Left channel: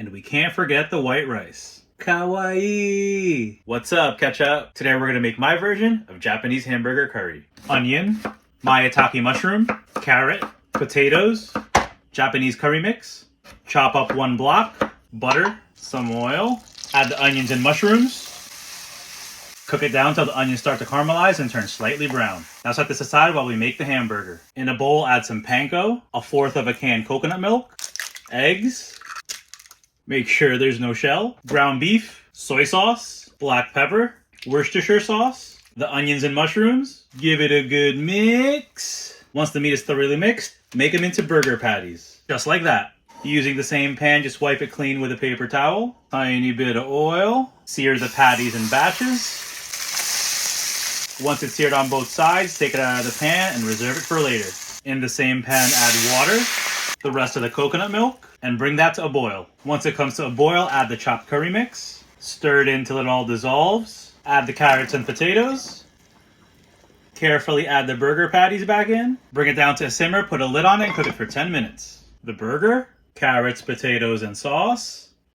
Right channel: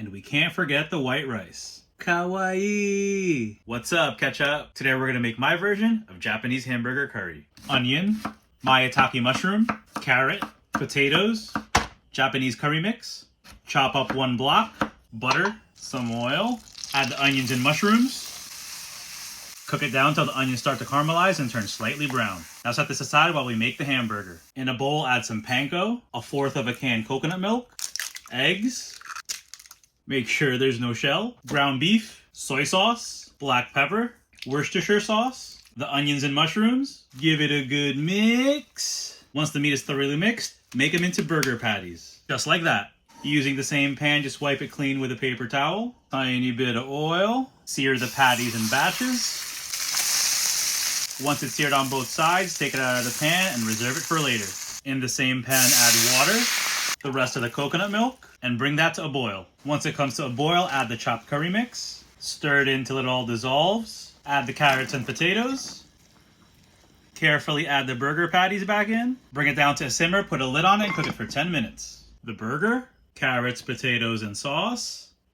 And we can't forget the white rice. Kawaii! What's up, ketchup? Today we're gonna make my version of Japanese hamburger curry. Onion, maitake mushroom, carrot, potatoes, Japanese curry mix, chop up 1 block, butter, some oil, add the onions and mushrooms, cook it down till the onions start to caramelize and turn slightly brown. Now set this aside while we make the hamburger. In a bowl, add some panko, 1/4 of a can coconut milk, eggs, make sure there's no shell, ground beef, soy sauce, black pepper, Worcestershire sauce, the onions and mushrooms. Give it a good mix. Once the meat is thoroughly mixed, make them into burger patties. Just like that. Using the same pan, just wipe it clean with a paper towel. Tiny bit of oil. Sear the patties in batches. Once it's seared on both sides, take it out of the pan and reserve it for later. In the same pan, add water, the rest of the coconut milk, and bring that to a boil. Once it comes to a boil, add the chopped curry mix. Stir it until it all dissolves. Add the carrots and potatoes. Carefully add the burger patties back in. Bring it down to a simmer, put a lid on it, and cook it for 10 minutes. The burger, carrots, potatoes, and sauce.